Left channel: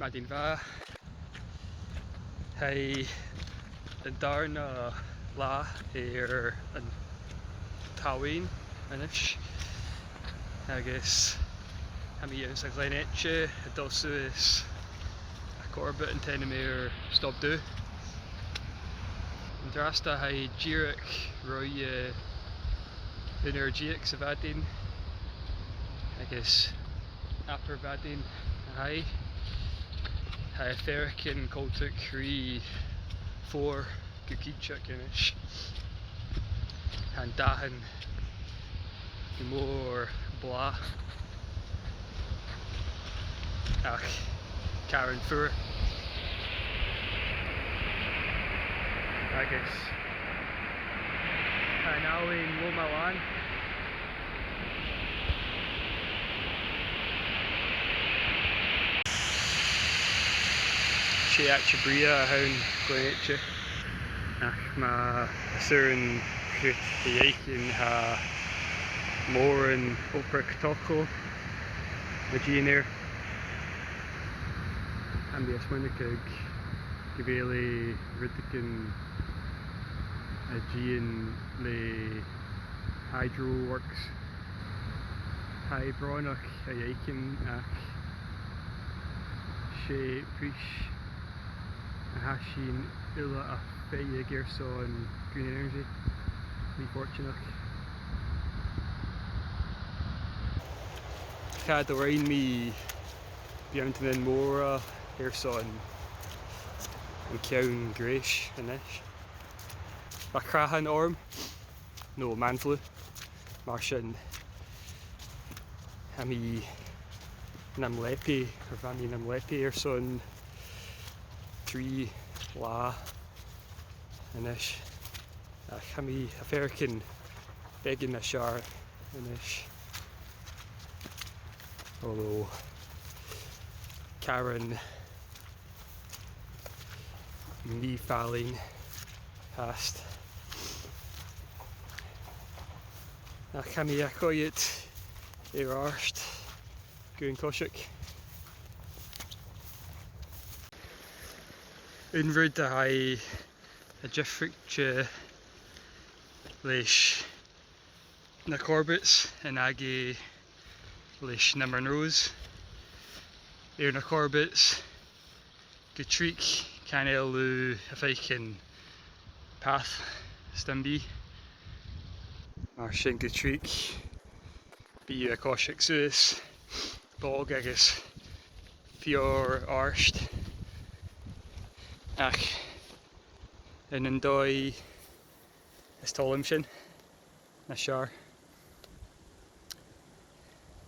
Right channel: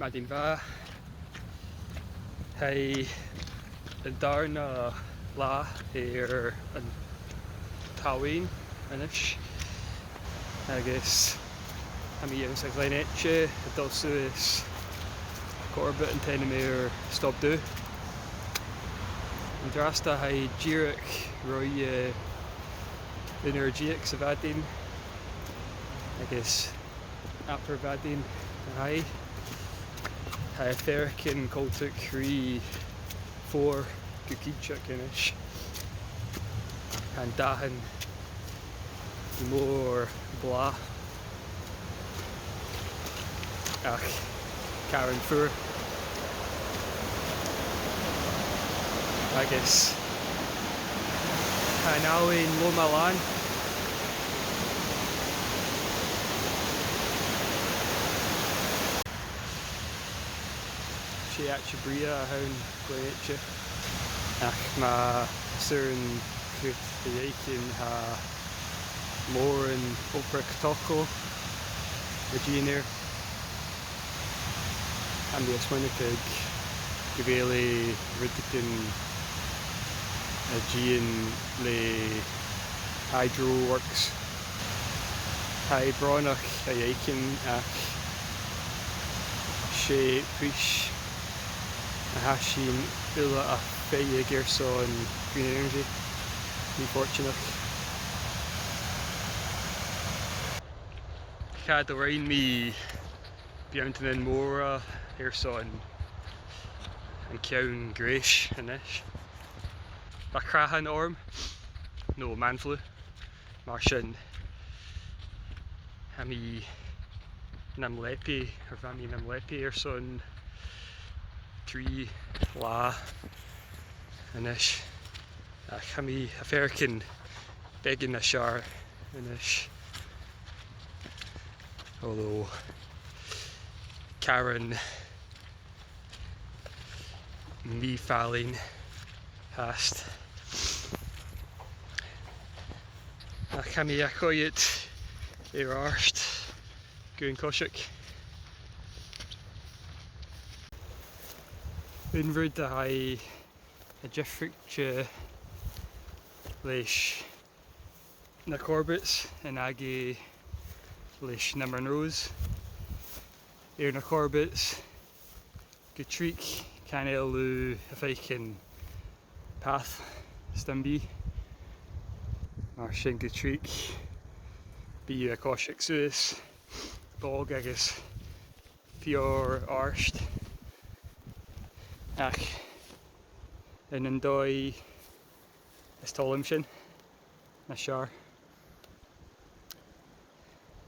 Maar die va hij daarna la een tawin en is agus ha mi yn sa Glen Eite a dul suas a corbett yn ten mir Stob Dubh yn drasta hai ddíreach roi energiach sa bhadin agus apar bhadin hai fercin Coiseachd rí for Coiseachd inis an dahan mór bla ach Karen fuair agus an áin lo malán sé Eite bria a hain Glen Eite ach má surin chut Eite ha mór an oprach tocho na díanair an bí asmuinnig go bhéla rudicin a dían le hydro works bránach a dhéicin ach sé pris a hasín ula a féige ggéirsá an green energy ní fortunach cad ó raon mí beantain an móra ggéirsá an ceann gréis inis ba crathan orm nó manflu mar sin ha mí nam lepi ar bha mí nam lepi ar son trí lá inis ach ha mí a fercin begin na sear inis although Karen ní fallin hast ach ha mí a choiad ar arst gún Coiseachd Unrúd a haid a difricte leis na corbets an agé leis na marnós ar na corbets go tríc can éalú a féicin path stambí mar sin go tríc bí a Coiseachd suas bog agus fior arst ach in an dói is tolim sin na sear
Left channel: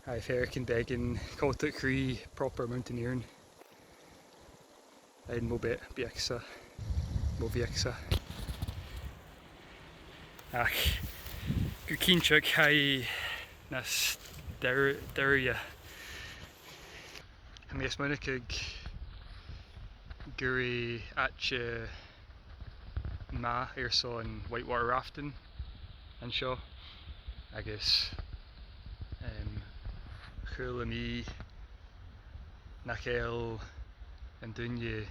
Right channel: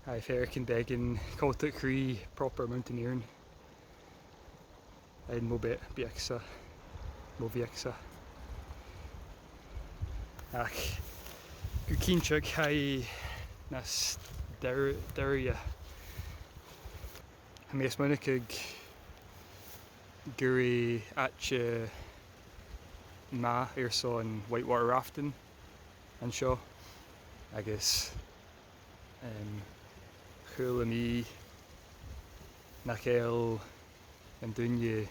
ha fercin begin Coiseachd rí proper mountaineering ein mo bieagsa ach go Coiseachd ha nas deirja ha mí asmuinnig gurí Eite ma ar son whitewater rafting an seo agus chuaille mí nach éil an duine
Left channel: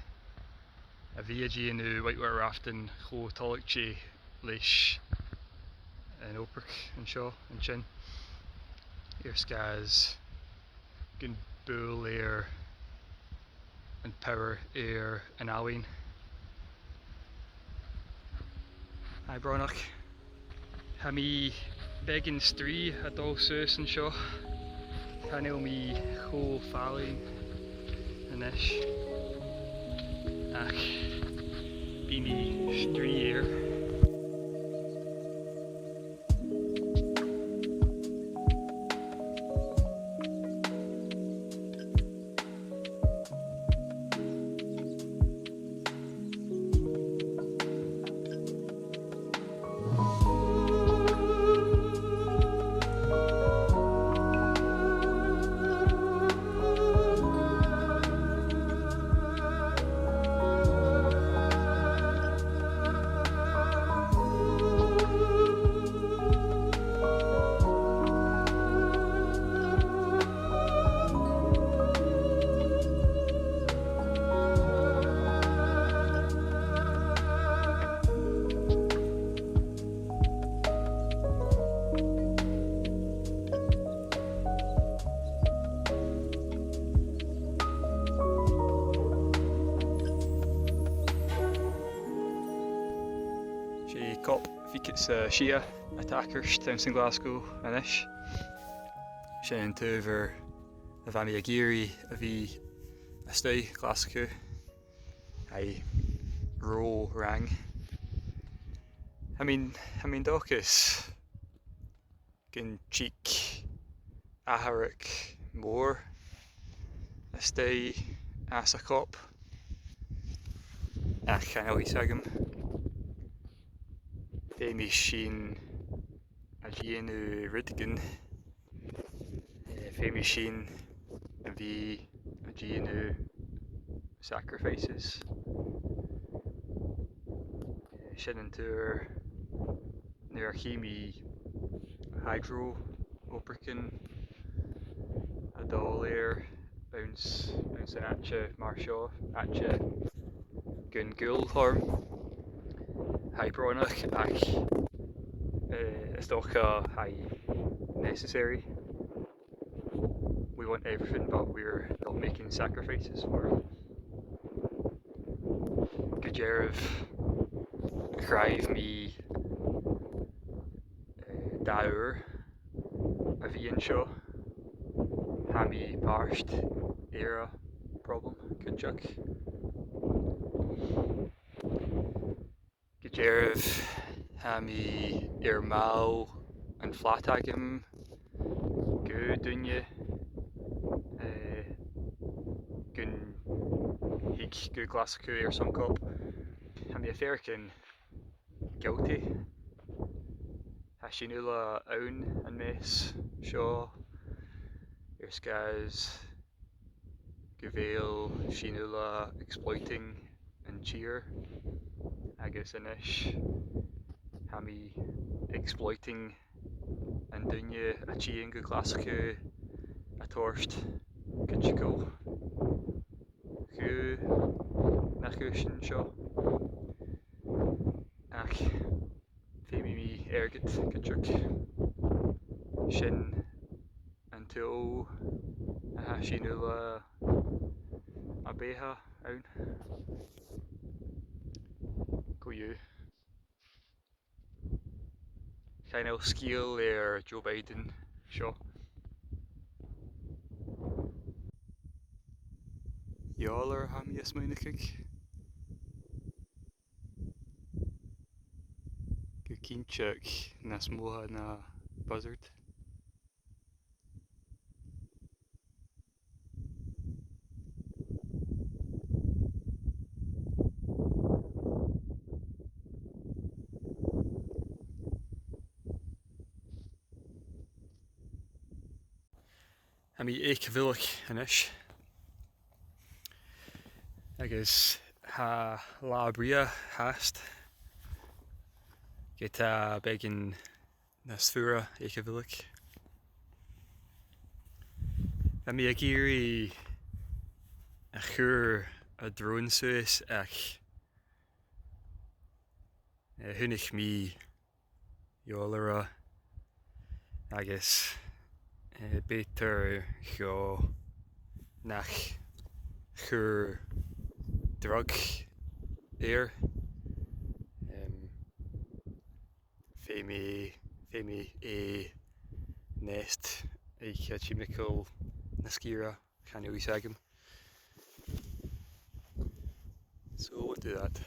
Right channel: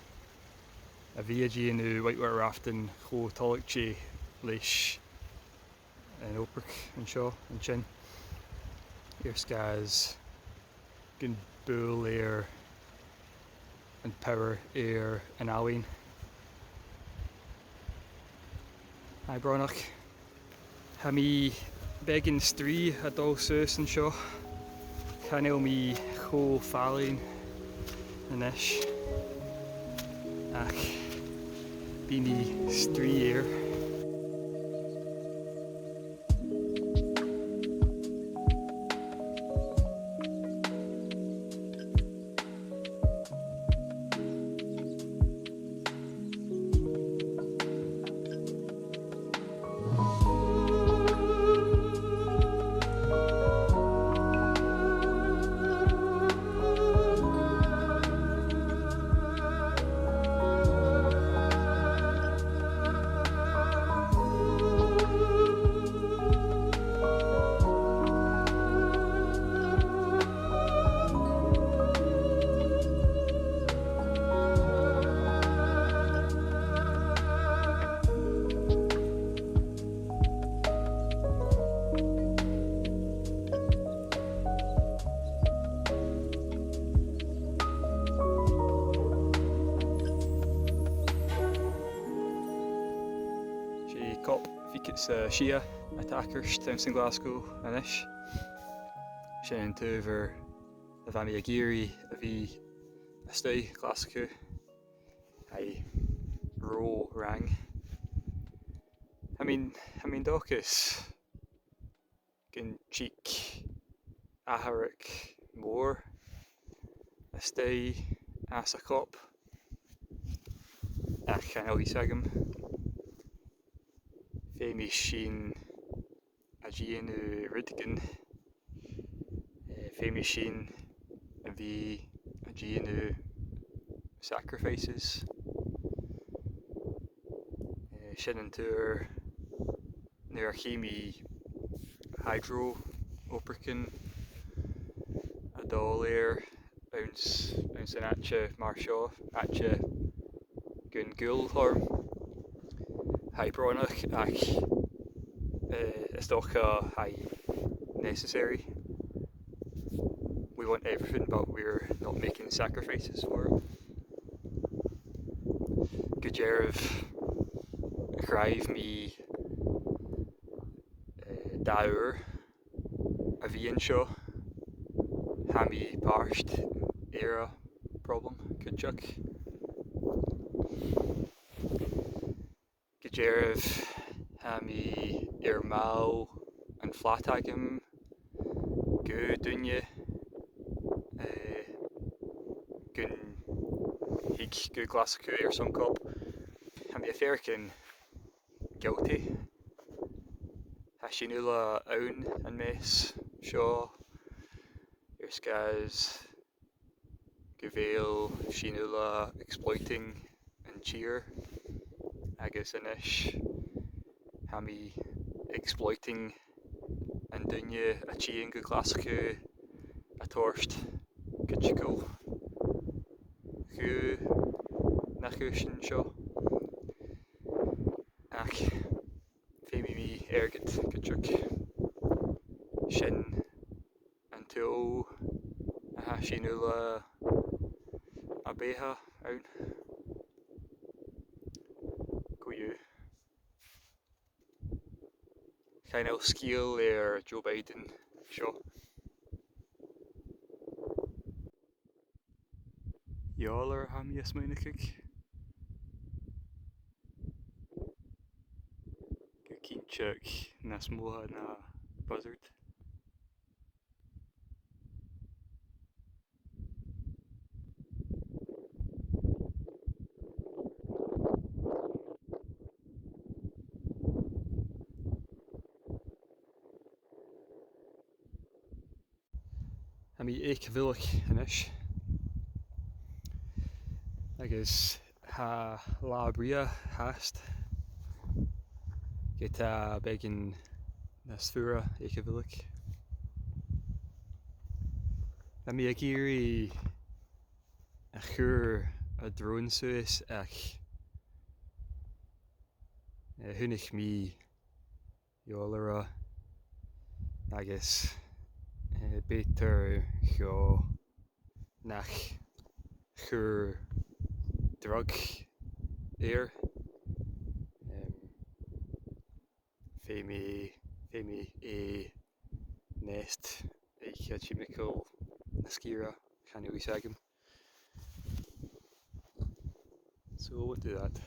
a bhí díanú whitewater rafting cho toladh sé leis an oprach an seo an sin ar scas gon búil ar an power ar an áhain bránach ha mí begin strí a dul suas an seo chanéil mí cho fallin inis ach bí mí strí ar it's Shia attackers down in Glasgow inis. Sin tuver a bheit mé a géirí a bhí a stay Glasgow I ró rang. I mean dochas gin cheek aharic mór a stay as a cop ach can always agam. Fé sin a dhéanú ridgan fé sin a bhí a dhéanú sacrifices sin an túr nuair a chéimi hydro opercin a dáléir ans an atse mar seo atse gun gúlthorm hybronach ach is dócha necessary. We want everything but we're not making sacrifices for it. Go deireadh chraibh mí daur a bhí anseo ha mí páist ar a problem Coiseachd. Go deireadh ha mí ar máu an flat agam go duine gun hic go Glasgow ar some cop. Ha mí a féarcin guilty. Ha sinúla ann an mess seo ar scas go bhfuil sinúla exploiting an tír agus inis ha mí exploiting an duine a tíon go Glasgow a toirst Coiseachd chu nach sin seo ach fé mí airgid Coiseachd sin an tú a ha sinúla a bétha ann go dú. Chainneal scíal ar Joe Biden seo. Jólar ha mí is muinecig go cínteach na smótha na buzzard. Ha mí Eite inis agus ha lá bria hast get a begin na sfúra Eite ha mí a géirí a chur a drone suas ach thunnich mí jólara agus bétar cheo nach chur drug ar fé mé nest ag chemical na scíra can always agam. So we'll do that.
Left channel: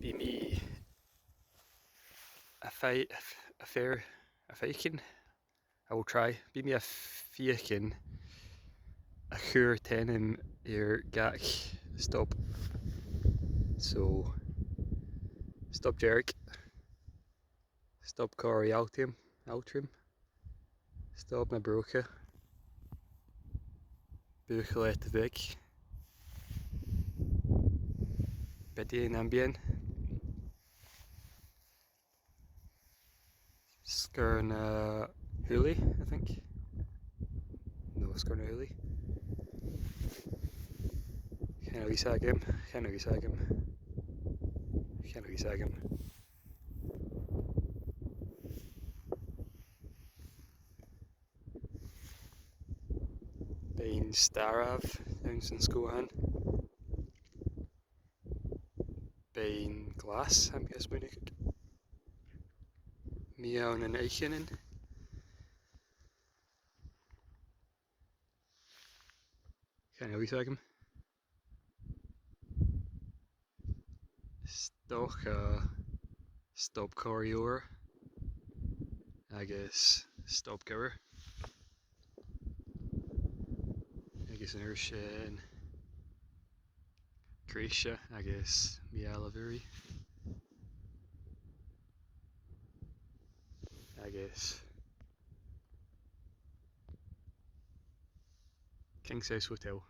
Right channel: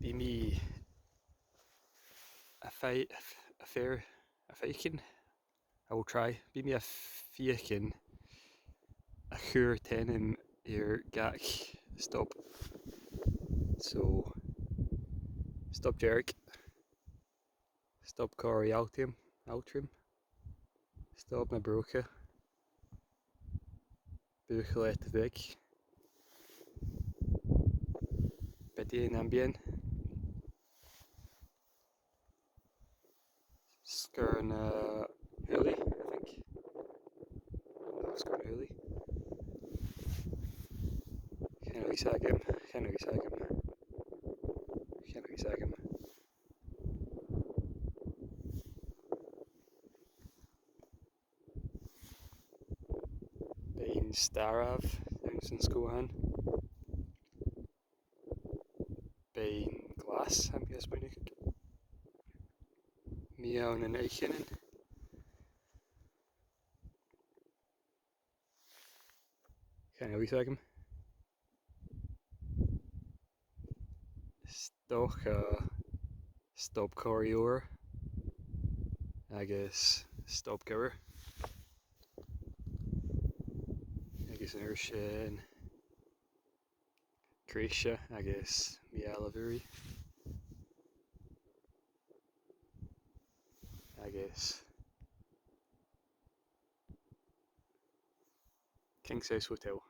Bí mí a féiceann I will try. Bí mí a féiceann a chur tenim ar gach stop. So stop Jerk, stop Corey Altrim, stop na brocha, buchel Eite weg, bedien ambien, skurn huli, I think. No, skurn huli. Can't really sag him. Bein Starav down in Scohan. ein glas am gesbunig. Meown en eichenen. Kan je uitleggen? Stoch stop corrior. Agus stop giver. Agus an sin Cretia agus Mialaviri. Agus King Size Hotel.